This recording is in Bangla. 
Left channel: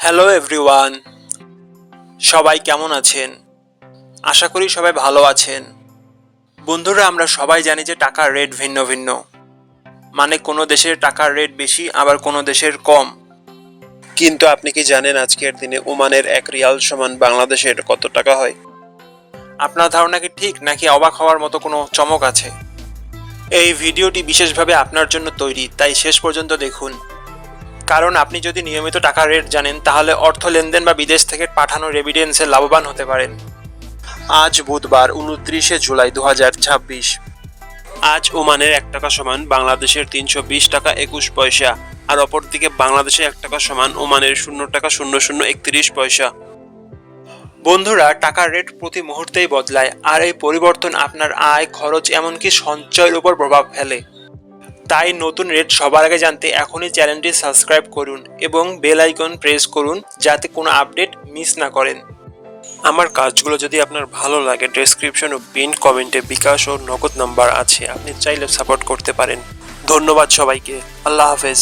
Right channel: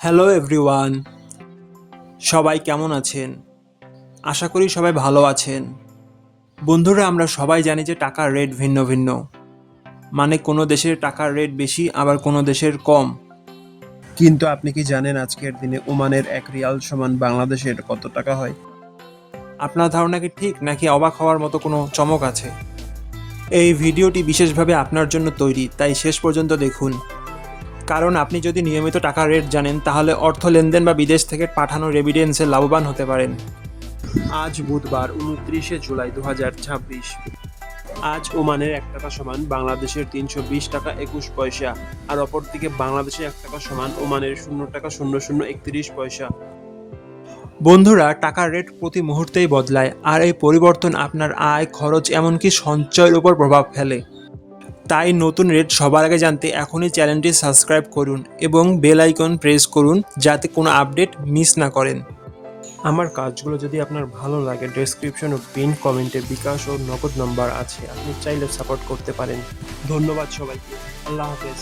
হ্যালো এভরিওয়ান, সবাই কেমন আছেন? আশা করি সবাই ভালো আছেন। বন্ধুরা, আমরা সবাই জানি যে টাকার রেট ভিন্ন ভিন্ন। মানে কোনো দেশের টাকার রেট বেশি, আবার কোনো দেশের কম। কিন্তু আপনি কি জানেন আজকের দিনে ওমানের 1 রিয়াল সমান বাংলাদেশের কত টাকা হয়? আপনার ধারণা কি ঠিক, নাকি অবাক হওয়ার মতো কোনো চমক আছে? এই ভিডিওটি বিশেষভাবে আপনার জন্য তৈরি, তাই শেষ পর্যন্ত দেখুন। কারণ আপনি যদি নিয়মিত টাকার রেট জানেন, তাহলে অর্থ লেনদেন বা বিদেশ থেকে পাঠানো রেমিটেন্সে লাভবান হতে পারেন। আজ বুধবার 29শে জুলাই 2026। আজ ওমানের 1 টাকা সমান বাংলাদেশের 320 টাকা 21 পয়সা, আর অপরদিকে বাংলাদেশে 1 টাকা সমান ওমানের 0 টাকা 0031 পয়সা। বন্ধুরা, টাকার রেট প্রতি মুহূর্তেই বদলায়, আর এই পরিবর্তন আপনার আয়, খরচ, এমনকি সঞ্চয়ের উপর প্রভাব ফেলে। তাই নতুন রেট সবার আগে জানতে এখনই চ্যানেলটি সাবস্ক্রাইব করুন এবং বেল আইকন প্রেস করুন, যাতে কোনো আপডেট মিস না করেন। আমার কাজগুলো যদি আপনার ভালো লাগে, ডেসক্রিপশন ও পিন কমেন্টে বিকাশ ও নগদ নাম্বার আছে, আপনি চাইলে সাপোর্ট করতে পারেন। ধন্যবাদ সবাইকে। আল্লাহ হাফেজ।